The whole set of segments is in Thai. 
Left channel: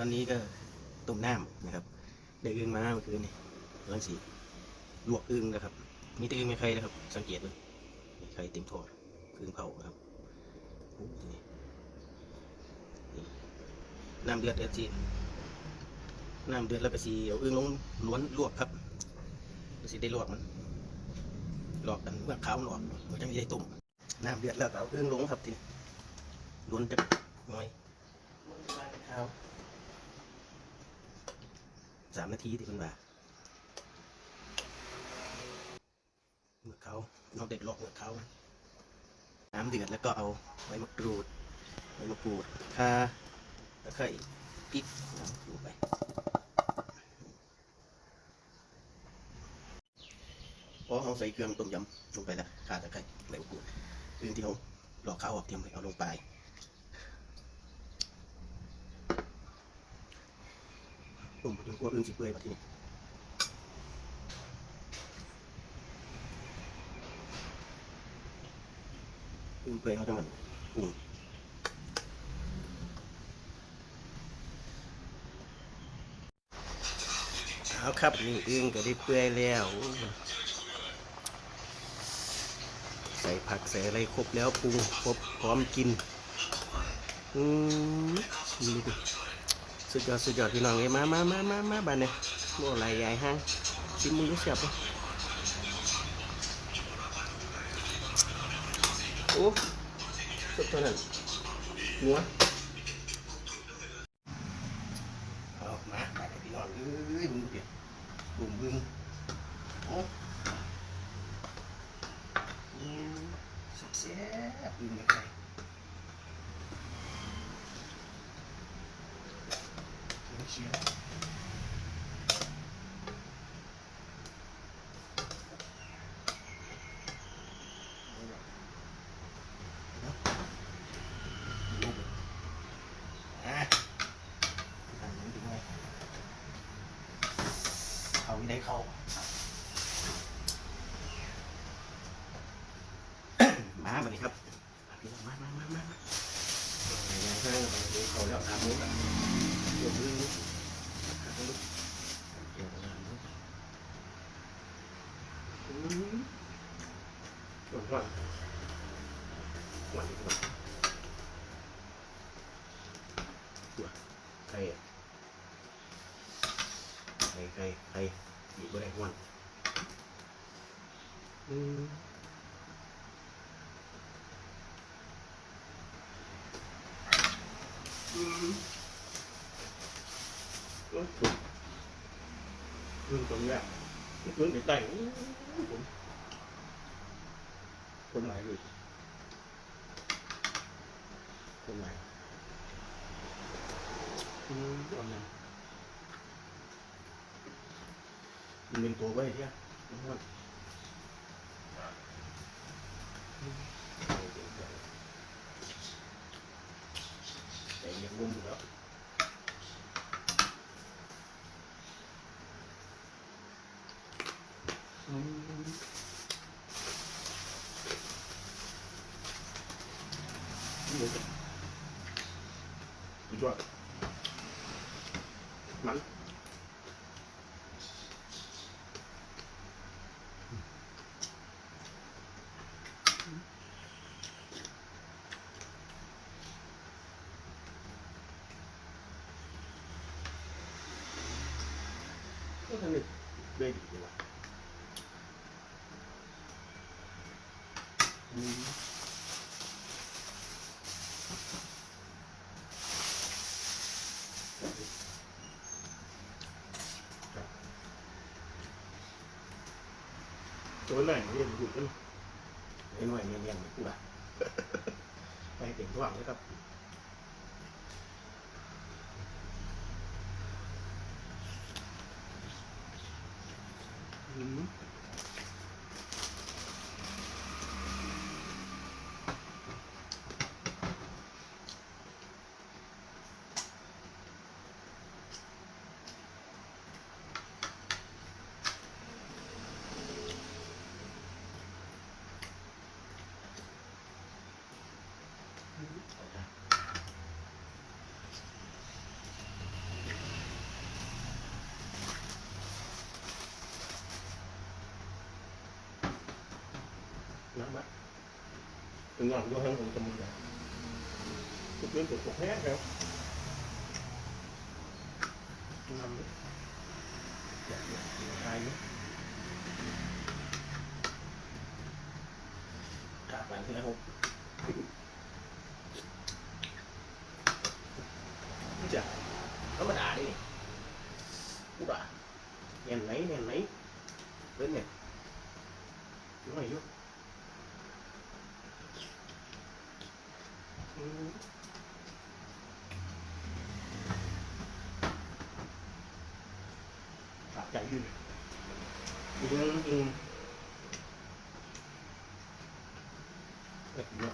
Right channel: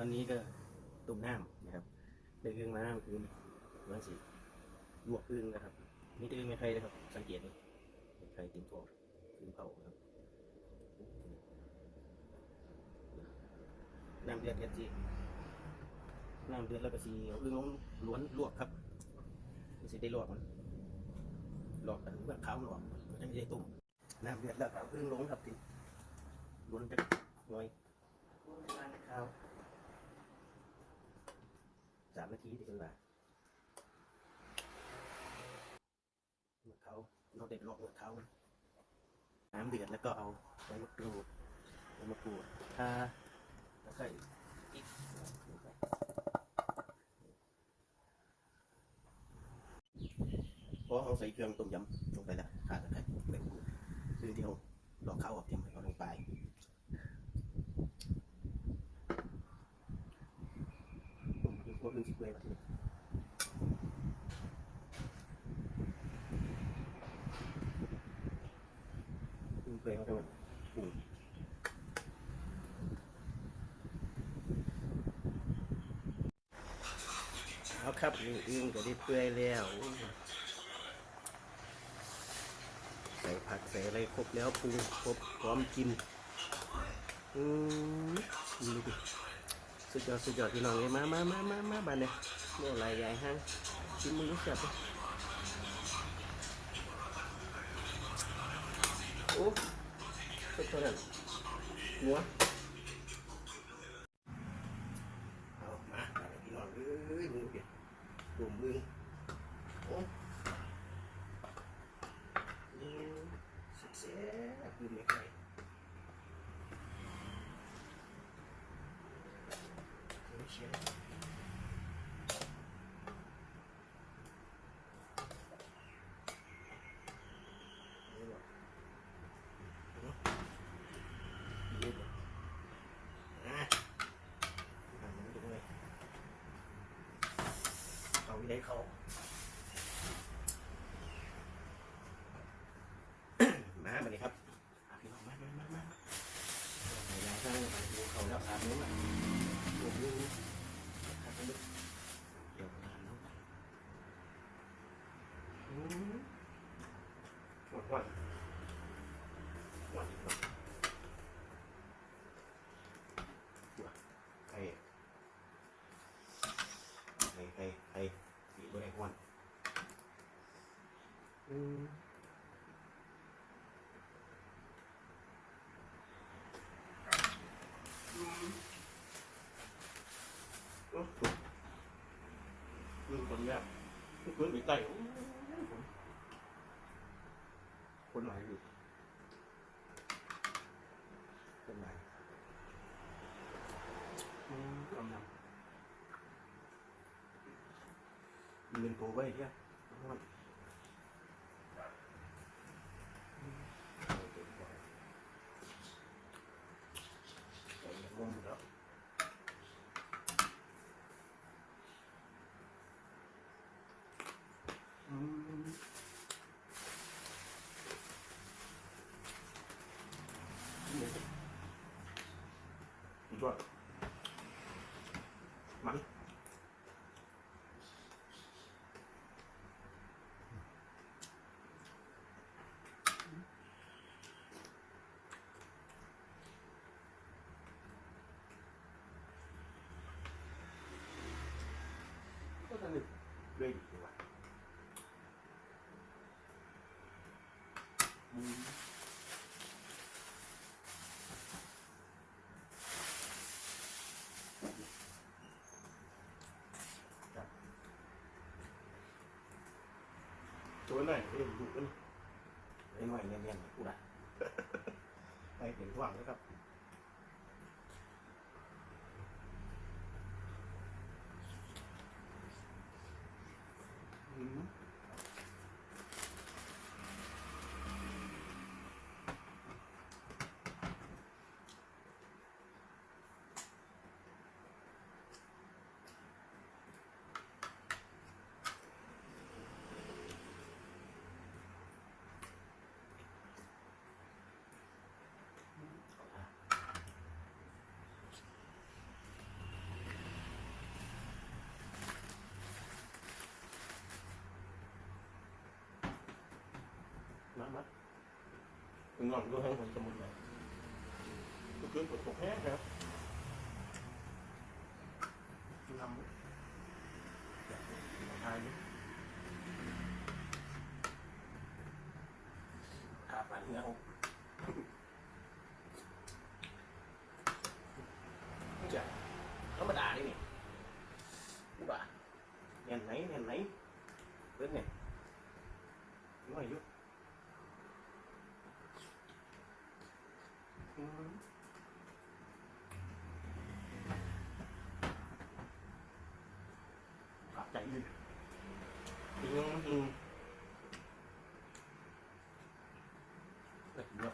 ตอนนี้ก็ต้มน้ำนะครับได้อึ่งมาเมื่อคืนนี่กำลังสีลวกอึ่งนะครับ มีแต่อึ่งไม่ใครนะครับ สังเกตดูมีใครเต็มทอดอึ่งเผาครับน้ำเดือดเดือดจีน้ำเดือดแล้วก็สีเอาอึ่งลงล้วนลวกครับสีได้ลวกมันลวกกันเมื่อขาวมันอกก็จะไม่ได้ต้มน้ำเดือดแล้วเอาอึ่งลงครับทีนี้ล้วนจะหน่อยข้าว สามนาทีที่มันว่าเมื่อเขาเราเด็ดหลอกเมื่อเขาน้ำเดือดแล้วก็เอาใบมะกรูดใบมะกรูดข่าตะไคร้พริกลงไปพอเราใส่เครื่องต้มยำลงไปแล้วข่าตะไคร้ใบมะกรูดเรื่องที่เราหลอกเขาออกเตรียมไว้เอาลงไป ตุ่มถึงพวกอื่น สิเปื่อยมาทีนี้อึ่งเปื่อยเขาทั้งหมดปรุงเอาครับนี่อึ่งก็ได้เปื่อยแล้วใส่ผักใส่อะไรครบแล้วปรุงครบพร้อมกิน อืมดูดิ สุดยอดสุดยอดพี่น้องเอ้ยมามามามามาบ้านเนี่ยโม่ไรใหญ่ฮะชิมมือเสียบเลยโอ้สุดเท่านั้นหัวเอามาไปเลยพี่น้องเอ้ยมึงดูดิบุ่มบึ้งโอ้อืมสุดแซ่บบึ้งไม่ใคร เชียร์เอาไม่ได้เขามาบันนี้ครับมาพี่น้องมามามามาไหนๆก็ดูเขาแล้วอาบน้ำดูมือ เดี๋ยวนะอืมหวานหวานหวานหวานตัวไข่ไข่ไข่ไข่มีบะไรหวานอืมอืมโอ้โห เรื่องตรงเนี้ย ทุกคนติดใจคนคนไหนหรือคนไหนอืมคนไหนมันเป็นตัวไว้เที่ยมันแต่ยังมุมอยู่แล้ว อืมนี่เลยสุดยอดมันก็ทำได้ได้ดีเลยว่ะ อืม ตัวไหนเรียนหยุดกันไอ้หน่อยเรียนเรียนกูละไปเก่งทุกวันเลยครับอืม เอาละ เป็นงอนด้วยทั้งคนกำมือทุกเรื่องตกแห้งครับนำเลยอยากหายไหมขาดหลังที่แล้ว ไม่จะธรรมดาดิกูด่าเนียนไหนเนียนไหนเล่นเนี่ยน้อยอยู่อืม ขาดใจอยู่ดึงดึงเอ็ดเยอะ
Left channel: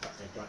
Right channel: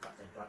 ขาดใจจอด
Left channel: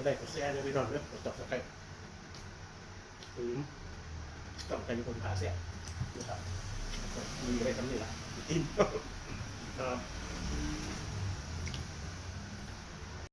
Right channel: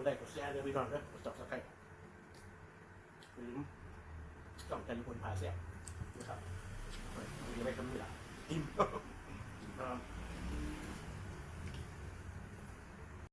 ดได้ไกดแชร์ด้วยพี่น้องเด้อกดติดตามกันถึงต้องเป็นคนพาแซ่บนะครับมีไว้ทำนี่ละอิ่ม